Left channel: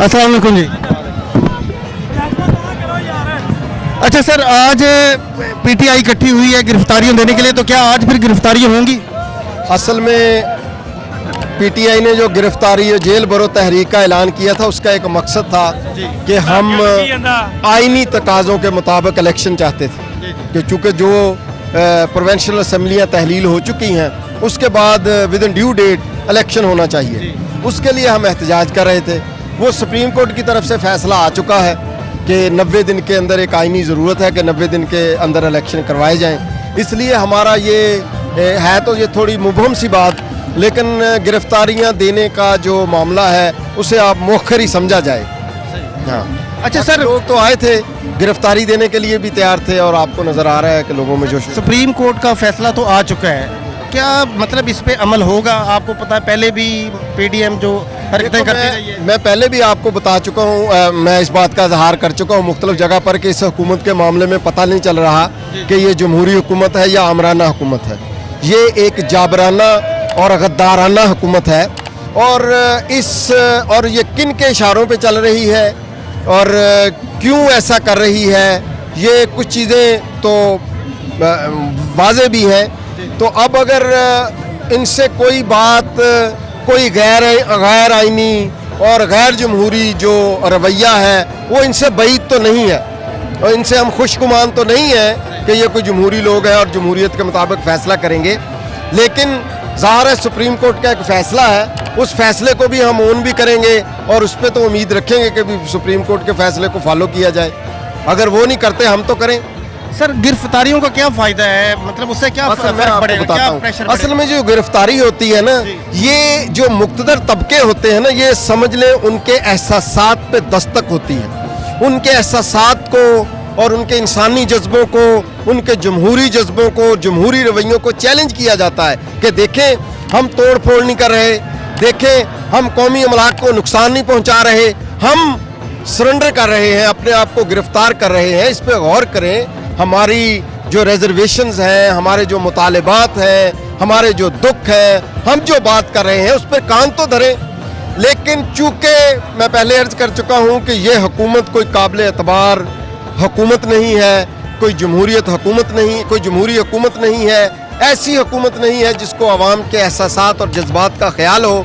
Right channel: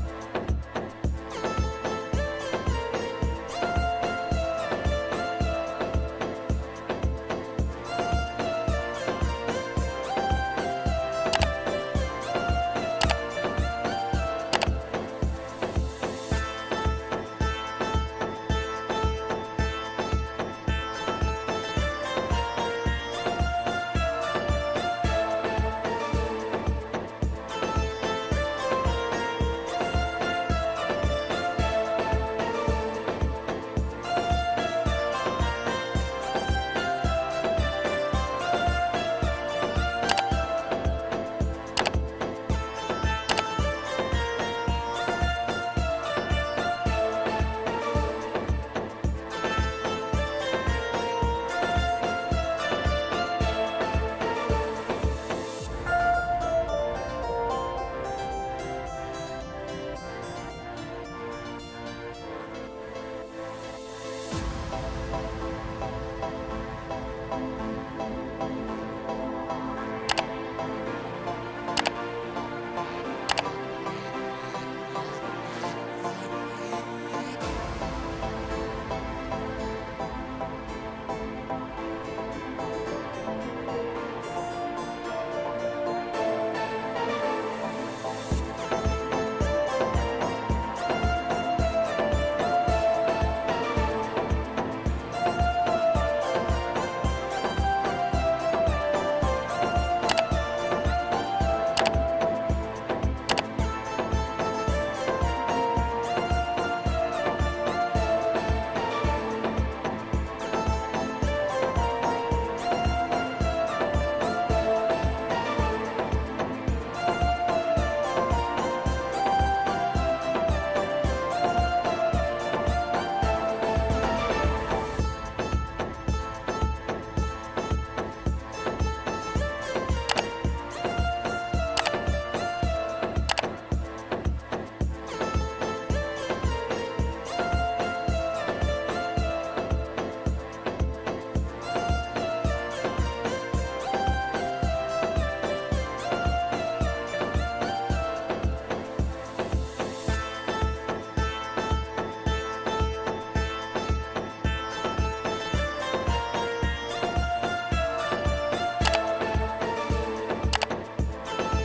अस्सलाम वालेकुम जी। अच्छा सर, आज पीटीआई इकट्ठी हुई है गिरफ्तारियां देने के लिए, तो क्या आज फिर गिरफ्तारियां होंगी? असल में पीटीआई ने जो गिरफ्तारी जेल भरो तहरीक का ऐलान किया था, उसका एक मकसद था कि हम आईनी तकाज़ों के मुताबिक इलेक्शन चाहते थे कि चूँकि जो प्रोविंशियल असम्बलियाँ तहलील हो चुकी हैं, उसके बाद within due date election होना चाहिए। उसके लिए हम एहतजाज कर रहे थे। वो सुप्रीम कोर्ट की तरफ से फैसला आ चुका है कि 90 दिन के अंदर एक आईनी ज़रूरत है कि 90 दिन के अंदर इलेक्शन करवाए जाएं। इसलिए हमारा ये है तो ये थोड़ी मुबहम सी बात, लेकिन गिरफ्तारियां देने का जो मामला है उसे आप मौखर ही समझा जाए। हाँ, अच्छा सर, लोग तो आए थे, गिरफ्तारी देने के लिए भी तैयार थे और आपको नज़र आ रहा है कि लोगों में जो सुप्रीम कोर्ट का फैसला तो आ चुका है, क्या मतलब इस पे अमल होगा? आपको पता है पहले भी पीडीएम जो हरकतें करती रही है। मैं पहले भी आपको बता चुका हूँ, मैं इस बात का इजहार कर चुका हूँ मुख्तलिफ जगह पर कि इस हुकूमत के मामले में पता नहीं चल रहा कि ये जमहूरी हुकूमत है या आमराना हुकूमत है। ये एक जाबराना और गद्दाराना हुकूमत है और ये किन के इशारों पे चल रही है और क्यों ऐसा कर रही है, ये कुछ चीज़ें तो वाज़े भी हैं। तो अब अगर इनसे कोई बात, कोई गैर आइनी और गैर जमहूरी जो रवैया है वो इनसे बैद तो नहीं है और इनसे हम खुशगुमान तो नहीं है कि ये कोई जमहूरी लोग हैं और जमहूरियत के मुताबिक फ़ैसला करेंगे। लेकिन ज़ाहिर है सुप्रीम कोर्ट का एक फ़ैसला है, उस फैसले को भी हम ओन भी करेंगे और उस पर तो उम्मीद रखेंगे कि भी सुप्रीम कोर्ट के फैसले को फॉलो किया जाए। अगर वो नहीं करते हम तो करें। सर, गिरफ्तारियों का क्या फायदा है, मतलब उससे क्या फर्क पड़ेगा, क्या प्रेशर पड़ेगा? असल में जो गिरफ्तारी होती है ना, ये जो मुक्तदर तबके होते हैं ना, ये समझ लें उनके एहसासात पे दस्तक होती है। उनके एहसासात को और उनके इंसानी जज्बों को, उनके जमहूरी जज्बों को, जमहूरी रवैयों को चैलेंज किया जाता है कि देखें हम तोड़ फोड़ नहीं कर रहे, देखें हम कौमी अमलाक को नुकसान नहीं पहुंचा रहे, हम सरेंडर कर रहे हैं, अपने आप को गिरफ्तार कर रहे हैं। इस पर गौर करें। हमारी जो रिजर्वेशंस हैं, हमारे जो मुतालिबात हैं, हमारे जो दुख हैं, हम जो बात कर रहे हैं उस पर कान तो धरें। लेकिन चूँकि मैं पहले अर्ज कर चुका हूँ कि ये हुकूमत कोई काबिल एतबार हुकूमत नहीं है, कोई जमहूरियत हुकूमत नहीं, कोई जमहूरी हुकूमत नहीं है, ऐसी हुकूमत नहीं है जिसको अवाम के एहसासात और जज्बात का ख्याल हो।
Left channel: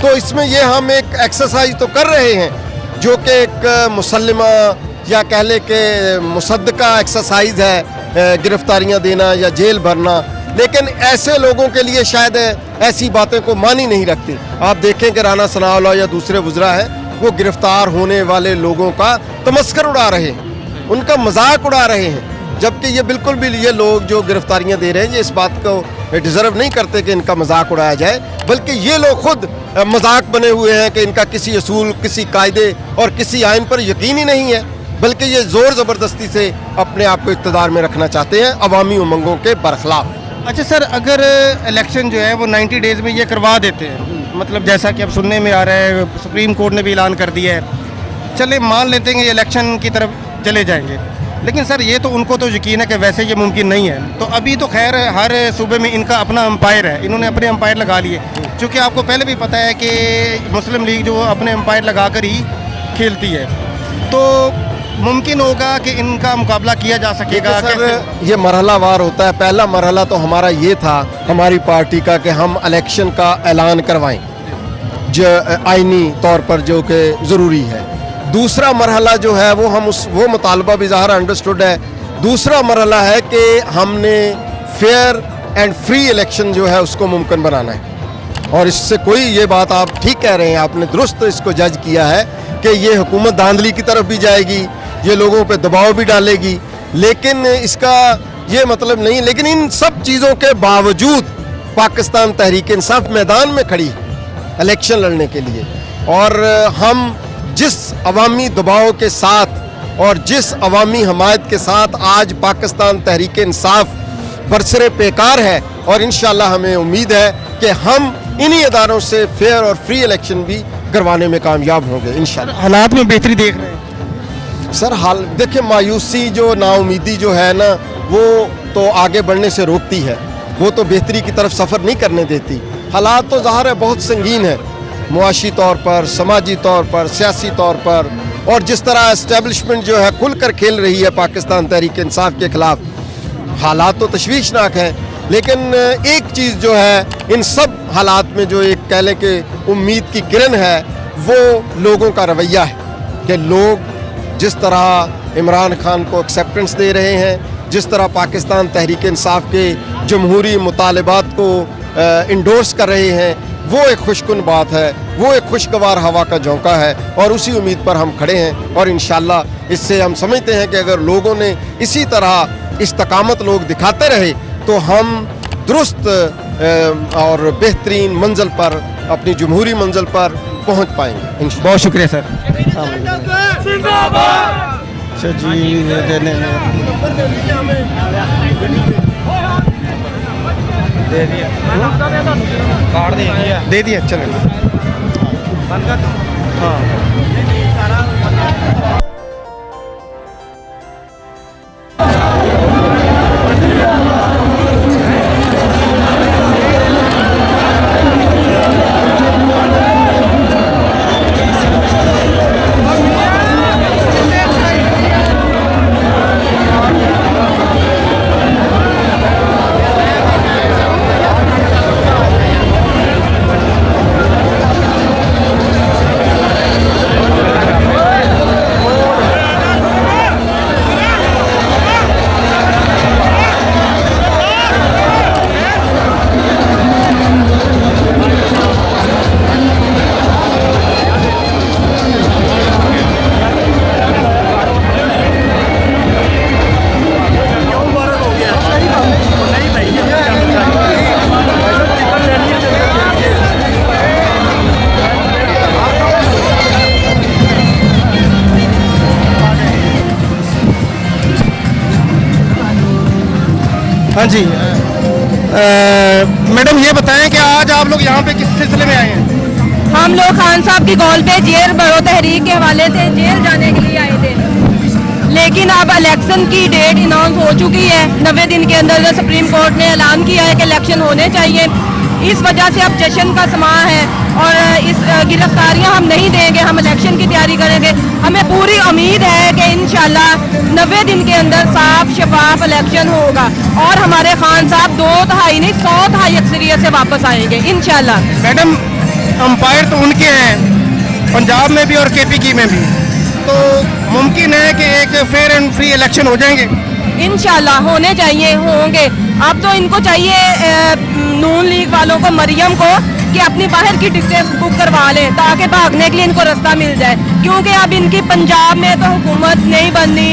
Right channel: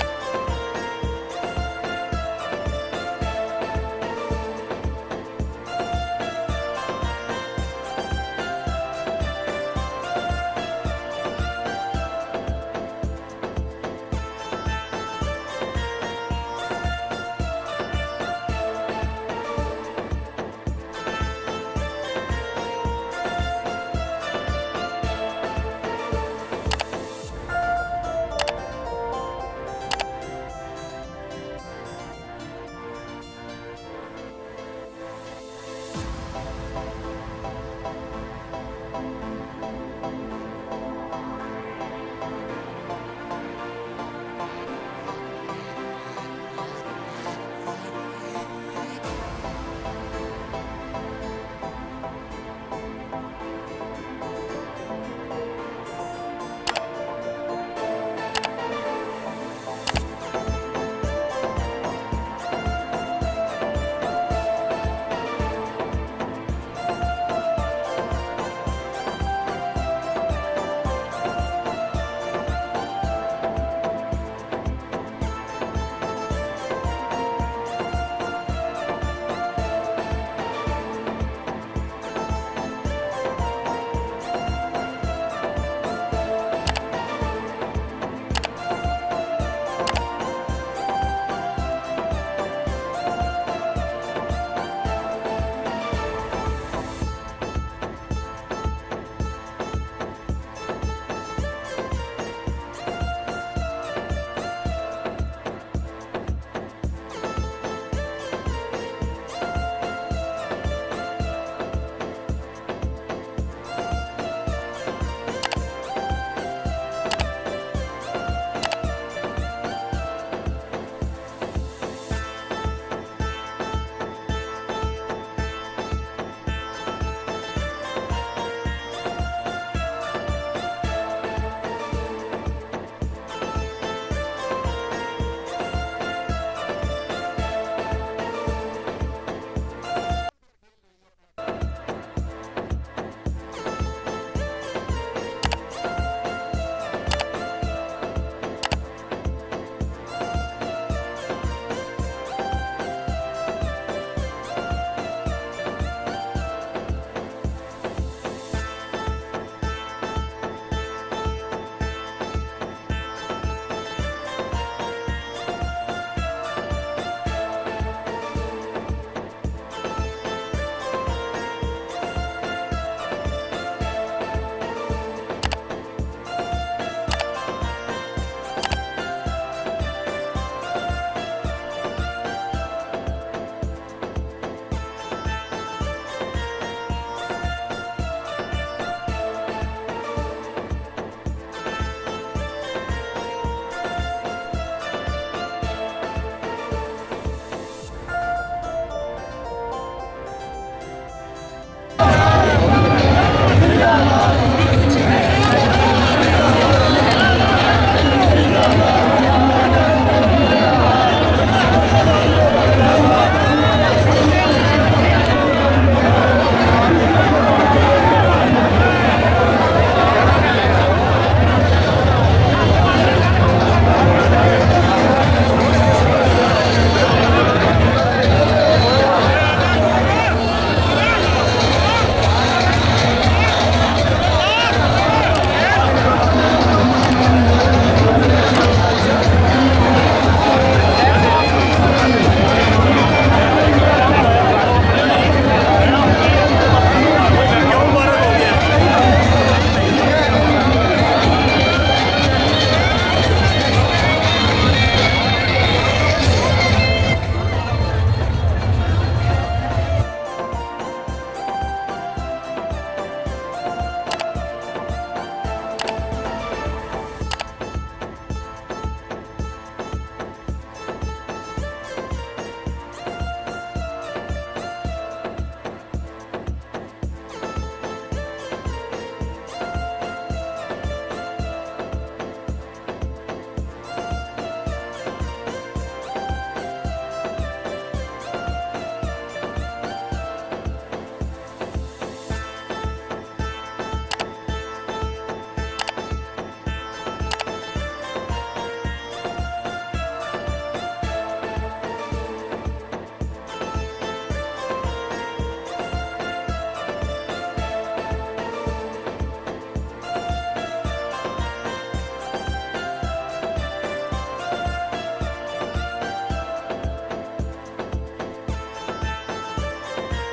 तो इसमें ये हम एक एक्सरसाइज तो कर रहे हैं जो कि एक मुसल्लिमा या कह ले कि मुसद्दका एक्सरसाइज है, गिरफ्तारियां देना या जेल भरना। लेकिन ऐसे लोगों के लिए शायद ऐसी बातें को मानी नहीं रखती। आप देखें कि राना सनाउल्लाह या दूसरे वज़रा हैं, वो गिरफ्तार होने वाले लोगों का तमस्कर उड़ा रहे हैं, उनका मजाक उड़ा रहे हैं, जबकि ये बिल्कुल भी ये लोग जो गिरफ्तारियां दे रहे हैं ये इस बात को डिजर्व नहीं करते कि इनका मजाक उड़ाया जाए, बल्कि ये लोग खुद मजाक बने हुए हैं कि इनका किसी असूल, किसी कायदे और किसी आइन पर यकीन ही नहीं है, बल्कि ये जोर ज़बरदस्ती से अपने आप को इक़्तिदार में रखना चाहते हैं अवामी उमंगों के बरखिलाफ। अच्छा सर, अगर इलेक्शन जो है वो 90 डेज़ में ये करवा देते हैं, मतलब जैसा कि अब सुनने में आ रहा है सुप्रीम कोर्ट ने भी ऐलान कर दिया है, चले मान लेते हैं इलेक्शन की तरफ चले जाएंगे, लेकिन सर ये तो उनको तो यकीन है कि वैसे ये मुमकिन नहीं है। तो अभी तो खैर हर सूबे में इनका अपना अंपायर है, इन्होंने अपने अंपायर लगा लिए, क्योंकि आपको पहले भी पता है कि मुस्लिम लीग जो अपने अंपायर लगा कर ही खेलती है, तो मुमकिन होगा कि इनका मुकाबला किया जा सकेगा? सर ये मरहलावार होता है। पहला मरहला तो हमारा ये था, हमारी पार्टी का, कि हम इलेक्शन का ऐलान करवाएं जो आईनी तौर पर जो कि ज़रूरी है। दूसरा मरहला जो है वो मुतालबा भी ज़ाहिर अंडरस्टूड है। दूसरा मरहला है कि हमने फेयर एंड फ्री इलेक्शन जो है उसको मुमकिन बनाना है। और इससे कोई, ये बात आप ठीक कह रहे हैं, आपने दुरुस्त इसको जज किया है कि ये हुकूमत धांधली की तरफ भी जाएगी, ये लोगों पे दबाव भी डालेगी, लेकिन इसका ये मतलब नहीं। लेकिन इन सब चीज़ों के बावजूद पाकिस्तान तहरीक इंसाफ मैदान में खड़ी है इलेक्शन लड़ने के लिए, और हम जिस अवामी दबाव के साथ और जिस अवामी हमायत के साथ आज पाकिस्तान तहरीक इंसाफ बरसरे पेकार है, और इंशाल्लाह हमें उम्मीद है कि हम इन्हीं अदारों से फेयर और फ्री इलेक्शन भी करवाने में कामयाब होंगे इंशाल्लाह। हालात में बेहतरी देख रहे हैं सर? हाल देखिए, मायूसी जो नाउमीदी जो है ना, वो तो आगे बढ़ने से रोकती है, वो तो बेहतरी की तरफ सफ़र नहीं करने देती। हालात तो ज़ाहिर है बहुत संगीन है, मुआशी तौर पर, समाजी तौर पर, सियासी तौर पर, और जिस तरह एस्टेब्लिशमेंट जो है खुलकर खेल रही है पाकिस्तान तहरीक इंसाफ के खिलाफ, हालात तो तशवीशनाक हैं। लेकिन एक चीज़ जो है इन सब हालात में जो एक कह लें कि उम्मीद की किरण है, वो लोगों का रवैया है कि लोग जिस तरह इमरान खान को एक्सेप्टेंस दे रहे हैं, जिस तरह पाकिस्तान तहरीक इंसाफ के जमहूरी मुतालबात को इंडोर्स कर रहे हैं, वो एक खुशकुन बात है, वो एक खुशगवार हवा का झोंका है, और उसी उम्मीद पर हम खड़े हैं। और इंशाल्लाह इससे हम समझते हैं कि अगर लोगों ने इसी तरह इस्तकामत लोग दिखाते रहे तो हम दुरुस्त और बेहतरीन मंजिल पर, अपनी जमहूरी मंजिल पर पहुंच पाएंगे। बहुत शुक्रिया सर। अच्छा जी, देने दे दिया चलो। हाँ हाँ जी, मैडम ये बताएं कि आज आप लोग यहाँ पे किस सिलसिले में आए हैं? हम लोग खान साहब की कॉल पे जेल बड़ो तहरीक के हवाले से जेल जाने के लिए आए थे, लेकिन अब इलेक्शन की डेट अनाउंस हो चुकी है। 90 दिन के अंदर सुप्रीम कोर्ट ने ऐलान किया है कि इलेक्शन होने चाहिए। इस वजह से अब जश्न का समा है और इस गिरफ्तारियां हम नहीं देंगे, हम इलेक्शन की तैयारी करेंगे। हमें पूरी उम्मीद है कि इंशाल्लाह 90 दिन के अंदर साफ शफाफ इलेक्शन होगा और हमारे खान साहब 2/3 नहीं 100% अक्सरियत से वापस आएंगे इंशाल्लाह। मैडम, अंपायर तो उनके हैं पंजाब में भी और KPK में भी, तो मुमकिन है कि एक फेयर एंड फ्री इलेक्शन हो जाएंगे? इंशाल्लाह होने चाहिए, होंगे। अब तो इनको चाहिए नून लीग वालों को, मरियम को, कि अपनी बाहर की टिकटें बुक करवा लें ताकि भागने के लिए इनको रास्ता मिल जाए, क्योंकि अब इनकी पंजाब में तो हुकूमत नहीं बननी,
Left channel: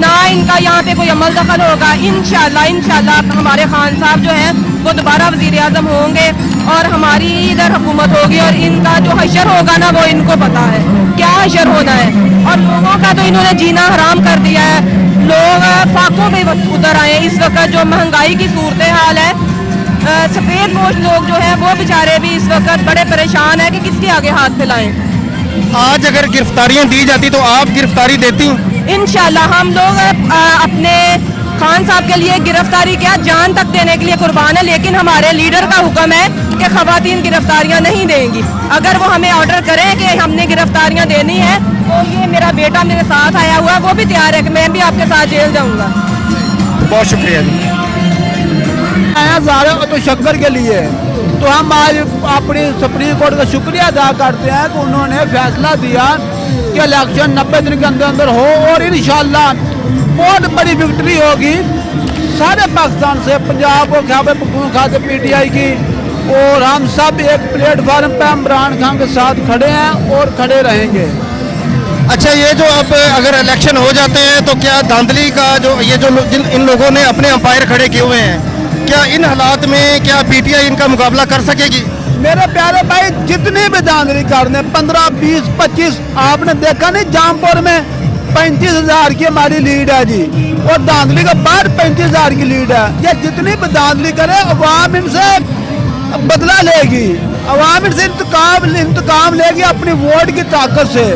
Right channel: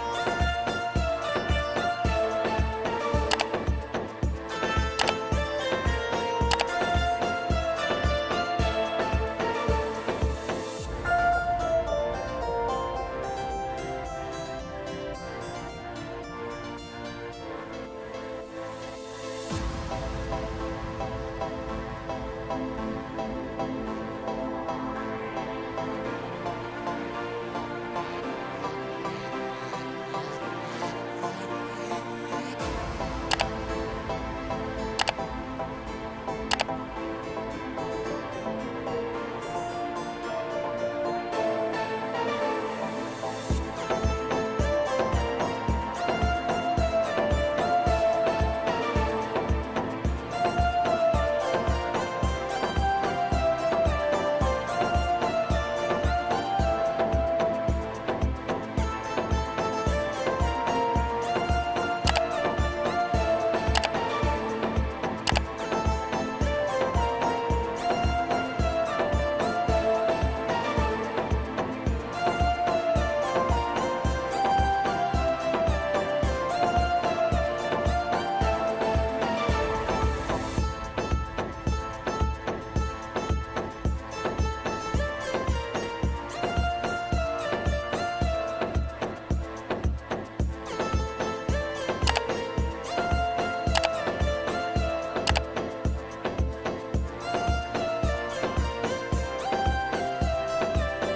ना इनका यहाँ पे कोई अमल दखल होगा। इंशाल्लाह हमारे खान साहब जो हैं वो दोबारा वज़ीर आज़म होंगे और हमारी इधर हुकूमत होगी, और इनका जो हशर होगा ना वो इनको पता है क्या हशर होना है। और लोगों का तो इन्होंने जीना हराम कर दिया है, लोग फाकों पे उतर आए। इस वक्त जो महंगाई की सूरत हाल है, सफ़ेद पोश लोग जो हैं वो बेचारे भी इस वक्त बड़े परेशान हैं कि किसके आगे हाथ फैलाएं। आज अगर गिरफ्तारियां दी जाती तो आप गिरफ्तारी देती? इंशाल्लाह हम लोग अपने खान साहब के लिए गिरफ्तारी क्या जान तक देने के लिए कुर्बान है, लेकिन हमारे लीडर का हुक्म है कि खवातीन गिरफ्तारियां नहीं देंगी। अगर वो हमें ऑर्डर करें कि हमने गिरफ्तारियां देनी है तो ये मेरा बेटा मेरे साथ आया हुआ है, वो भी तैयार है कि मैं भी आपके साथ जेल जाऊँगा। बहुत शुक्रिया जी। तो शक्कर के लिए तो हम आज अपनी सुप्रीम कोर्ट का शुक्रिया अदा करते हैं कि उन्होंने फैसला दिया कि इलेक्शन 90 दिन के अंदर अंदर हो, और इंशाल्लाह बहुत बड़ी विक्ट्री होगी सारे पाकिस्तान से, पंजाब को खैबर पख्तूनख्वा से PTI की, और हम सब एक प्लेटफार्म पे इमरान खान के साथ खड़े हैं और खड़े रहेंगे। अच्छा, ये जो अब अगर इलेक्शन हो जाते हैं तो क्या धांधली का जो ये जो इन लोगों ने अपने अंपायर खड़े किए हुए हैं, क्या इन हालात में क्या PTI इनका मुकाबला कर सकेगी? मेरे प्यारे भाई, जितनी भी धांधली करने 15, 20, 25, आपने देखा नहीं जामपुर में 35,000 की हमारी लीड है जी, और धांधली के बाद 35,000 की लीड है। ये जितनी भी धांधली करे अवाम इनसे बदला लेगी, अवाम इनसे इंतकाम लेगी अपनी वोट की ताकत से।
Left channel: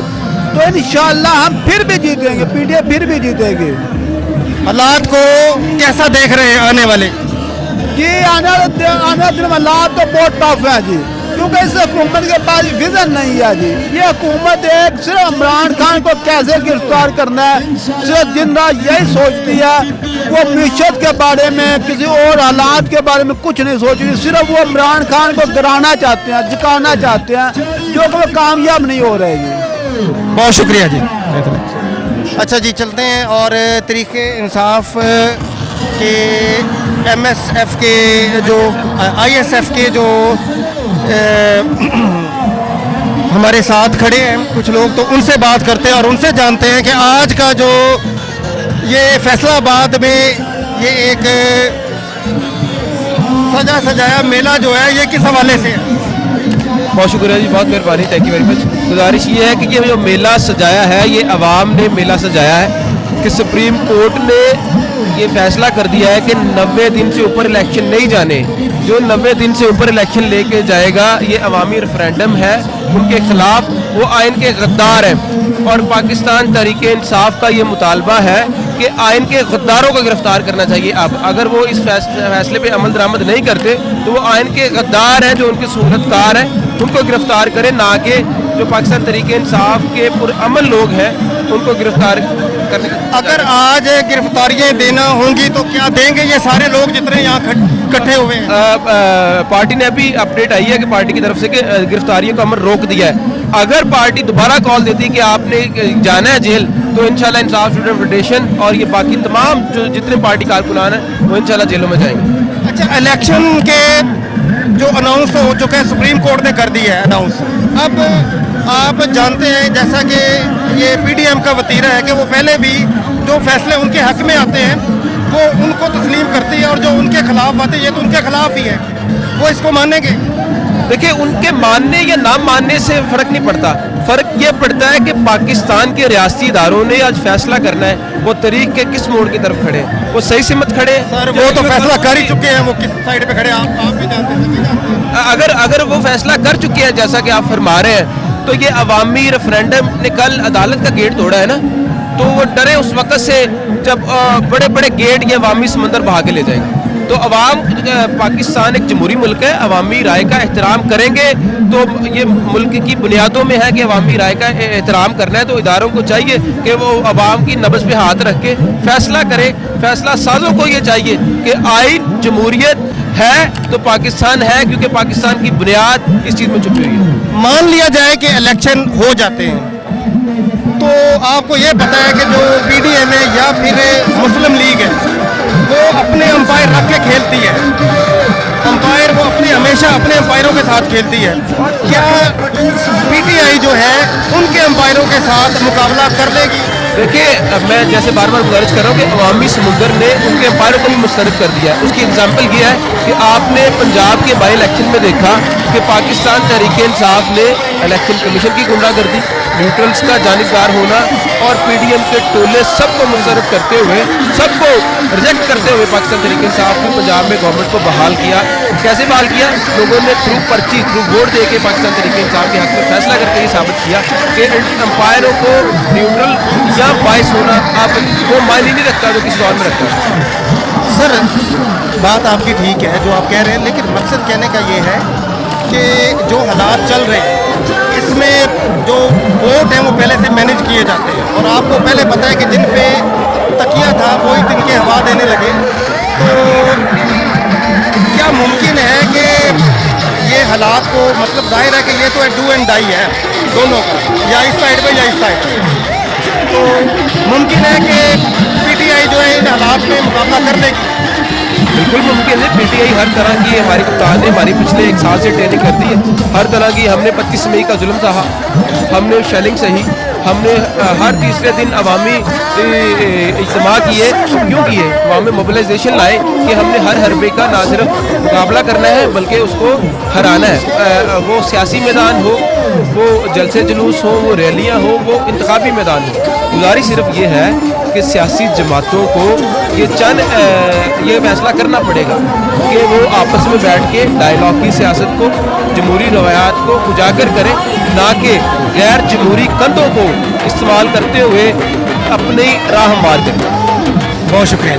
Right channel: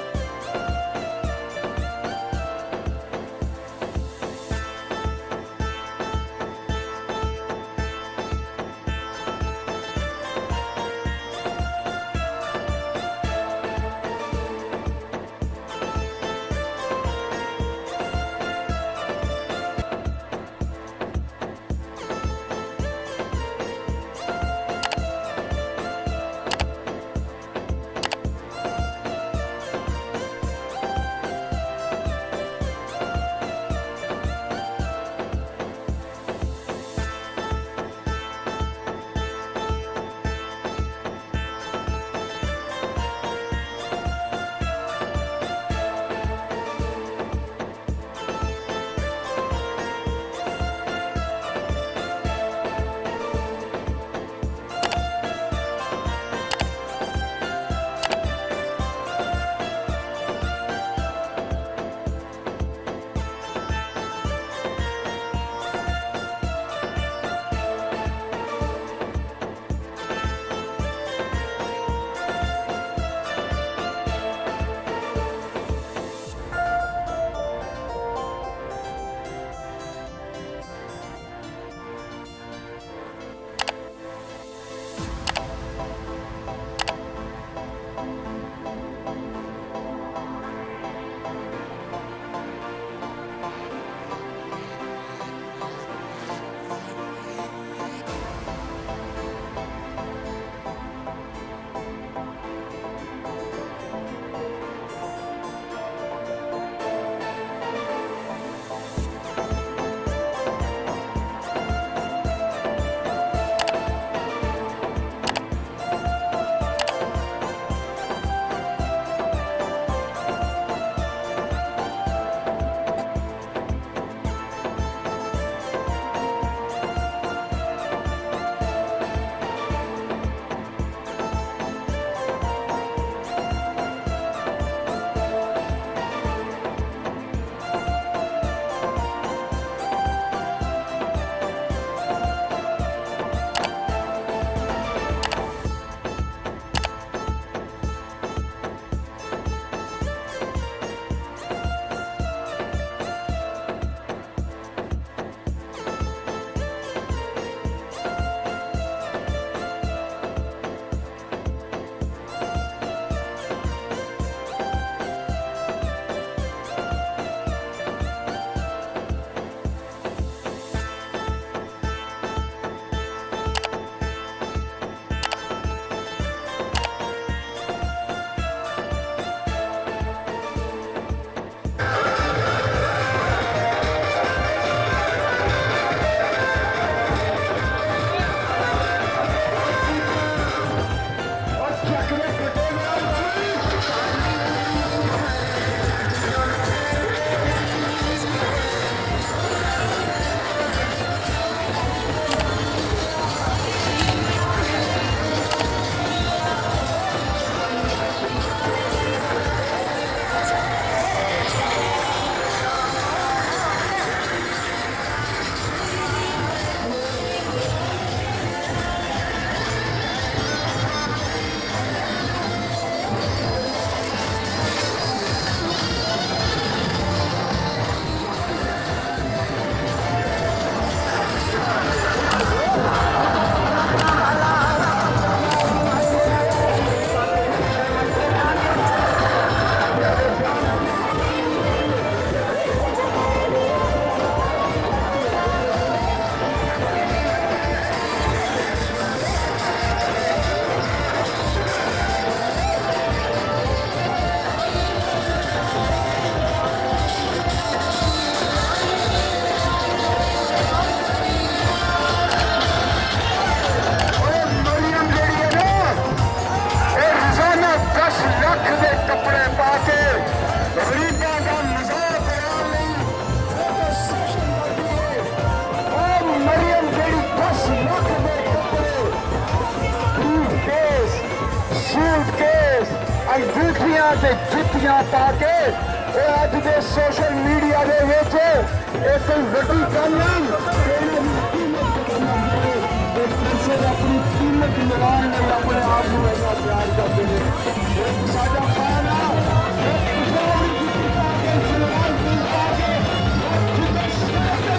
तो इंशाल्लाह हम फिर भी जीतेंगे, PTI फिर भी जीतेगी। हालात को कैसा देख रहे हैं आने वाले? जी आने दिन हालात तो बहुत टफ है जी, क्योंकि इस हुकूमत के पास विजन नहीं है जी। ये हुकूमत एक सिर्फ इमरान खान को कैसे गिरफ्तार करना है, सिर्फ दिन रात यही सोचती है। वो मीशत के बारे में, किसी और हालात के बारे में कुछ नहीं सोच रही, सिर्फ वो इमरान खान को गिराना चाहते हैं, झुकाना चाहते हैं, जो कि वो कामयाब नहीं हो रहे जी। बहुत शुक्रिया जी। अच्छा जी, चलते हैं और तरीके इंसाफ के MSF के जो ISF के जो हमारे साथ खड़े हैं कुछ लोग, तो उनसे बात करते हैं और उनसे जानते हैं कि आज का जो ये फैसलाबाद में ये एक सजाया मेला जो है ये किस हवाले से है। बहुत शुक्रिया जी, बहुत मेहरबानी, थैंक यू वेरी मच। गुजारिश ये है कि ये जो मेला सजाया है ये अवाम ने मेला सजाया है कि सुप्रीम कोर्ट ने ये फैसला कर दिया है कि 90 दिन से ऊपर इलेक्शन नहीं जाने। जो 90 दिन से ऊपर इलेक्शन लेके जाएगा ये अवामी रेफरेंडम है, उनके खिलाफ वो आइन के गद्दार हैं। और पाकिस्तान तहरीक इंसाफ का ये मुतालबा है कि आइन के गद्दारों को गिरफ्तार करना चाहिए। अब अगर वो इस फैसले पे अमल दरामद नहीं करते तो वो आइन के गद्दार हैं, जो उनके सूरतकार हैं, उनको गिरफ्तार करें, ना कि जो पाकिस्तान तहरीक इंसाफ के पुरअमल लोग हैं उनको गिरफ्तार करने। अगर आज गिरफ्तारियां देना होंगी तो क्या देंगे ये सारे लोग जितने यहाँ इकट्ठे हुए हैं? पार्टी ने अभी अपडेट आई है कि पार्टी की तरफ से कि गिरफ्तारियों का अमल रोक दिया है। अगर पार्टी दोबारा कॉल देती कि आपने जाना है जेल, तो इंशाल्लाह इंसाफ स्टूडेंट फेडरेशन और ये बाकी तमाम जो जितने पार्टी कारकुनान हैं वो इंशाल्लाह जेलों में जाएंगे। अच्छा, इलेक्शन के जो अनाउंस हो चुका है, सुप्रीम कोर्ट ने कर दिया है अनाउंस। अब आप जानते हैं जैसा कि ये PDM का वतीरा है कि वो पहले भी जो फैसले उनके हक में आते हैं वो उनको तस्लीम करती है और जो उनके खिलाफ आते हैं ये तो उनके खिलाफ ही है, वो इसको मानेंगे। देखिए, उनके मानने या ना मानने से फर्क नहीं पड़ता। फर्क ये पड़ता है कि पाकिस्तान के रियासती इदारों ने आज फैसला करना है वो तरीक के किस मोड़ की तरफ खड़े, वो सही से मत खड़े। सर वो तो फैसला कर ही चुके हैं, वो किस साइड पे खड़े आप भी जानते हैं। अगर वो फैसला कर चुके हैं जैसा कि आप फरमा रहे हैं, तो ये अवामी रेफरेंडम ने कल अदालत का गेट तोड़ा है ना, तो वो डरे उस वक्त से जब बड़े बड़े गेट ये अवामी समंदर बहा के ले जाएंगे। तो अवाम, पाकिस्तान एक जमहूरी मुल्क है, अवामी राय का एहतराम करेंगे तो ये मुल्क की बुनियादों में है कि अवामी राय का एहतराम करना है। तो इदारों को चाहिए कि वो अवाम की नब्ज़ पे हाथ रख के फैसला करे। फैसला साजों को ये चाहिए कि आइन जमहूरियत है तो पाकिस्तान है, क्योंकि पाकिस्तान की बुनियाद इस चीज़ में छुपी हुई है। मान लिया जाए कि इलेक्शन हो जाते हैं तो आपको ये पता है कि जो PDM है या फिर मुस्लिम लीग है वो अपने अंपायर रख के खेलती है। अंपायर वो हमेशा अपने अंपायरों के साथ खेलती है। क्या PTI जो है उनके अंपायरों के साथ मुकाबला कर लेगी? देखिए, मैं जैसे बार बार गुजारिश कर रहा हूँ कि अवामी समुंदर ने उनके अंपायरों को भी मुस्तरद कर दिया है। उसकी एग्जाम्पल ये है कि आपने पंजाब के बाई इलेक्शन में देखा कि पाकिस्तान तहरीक इंसाफ ने इलेक्शन कमीशन की गुंडागर्दी, न्यूट्रल्स का जानिबदार होना और PDM के टोले सबको मुस्तरद करते हुए, सबको रिजेक्ट करते हुए पाकिस्तान तहरीक इंसाफ ने पंजाब में गवर्नमेंट को बहाल किया। कैसे बहाल किया? लोगों ने थ्रू पर्ची, थ्रू वोट दे के पाकिस्तान तहरीक इंसाफ के हक में फैसला करके ये साबित किया कि अंपायरों को न्यूट्रल या बाइस होना आप वो मायने नहीं रखता जो किसी और में रखता है। सर बात आपकी ठीक है जो आप कह रहे हैं, लेकिन मकसद कहने का ये है कि जो हालात चल रहे हैं इसमें जो वोट हैं वो पहले से मैनेज किए जाते हैं और आपको पहले पता है कि जिन पे तकिया था वही दिन के हवा देने लगे। तो क्या मुमकिन है कि ये हालात को, मतलब जाहिर है कि ये तो डू एंड डाई है दोनों का, या इस साइड पे या इस साइड पे, तो मुमकिन है कि PTI जो है इन हालात में मुकाबला कर लेगी? बिल्कुल मुमकिन है। PTI हर तरह की हमारी कप्तान ने हमारी पिछले 1 साल से ट्रेनिंग करती है। हर तरह की हमने 25 मई का जुल्म सहा, हमने शेलिंग सही, हमने हर तीसरे दिन अवामी इज्तिमा किए। क्यों किए? अवामी मोबिलाइजेशन लाए कि हमने हर हरबे का ना सिर्फ मुकाबला करना है बल्कि उसको हराना है। वो सियासी मैदान हो, वो जलसे जुलूस हो, वो रैलियाँ हो, वो इंतखाबी मैदान हो। गुजारिश सिर्फ ये है कि सियासी जमातों को ये फैसला करना पड़ेगा कि वो आपस में बैठ के डायलॉग की सियासत को, जमहूरी रवायात को उजागर करें, ना कि गैर जमहूरी कंधों को इस्तेमाल करते हुए अपनी राह मार दें। बहुत शुक्रिया।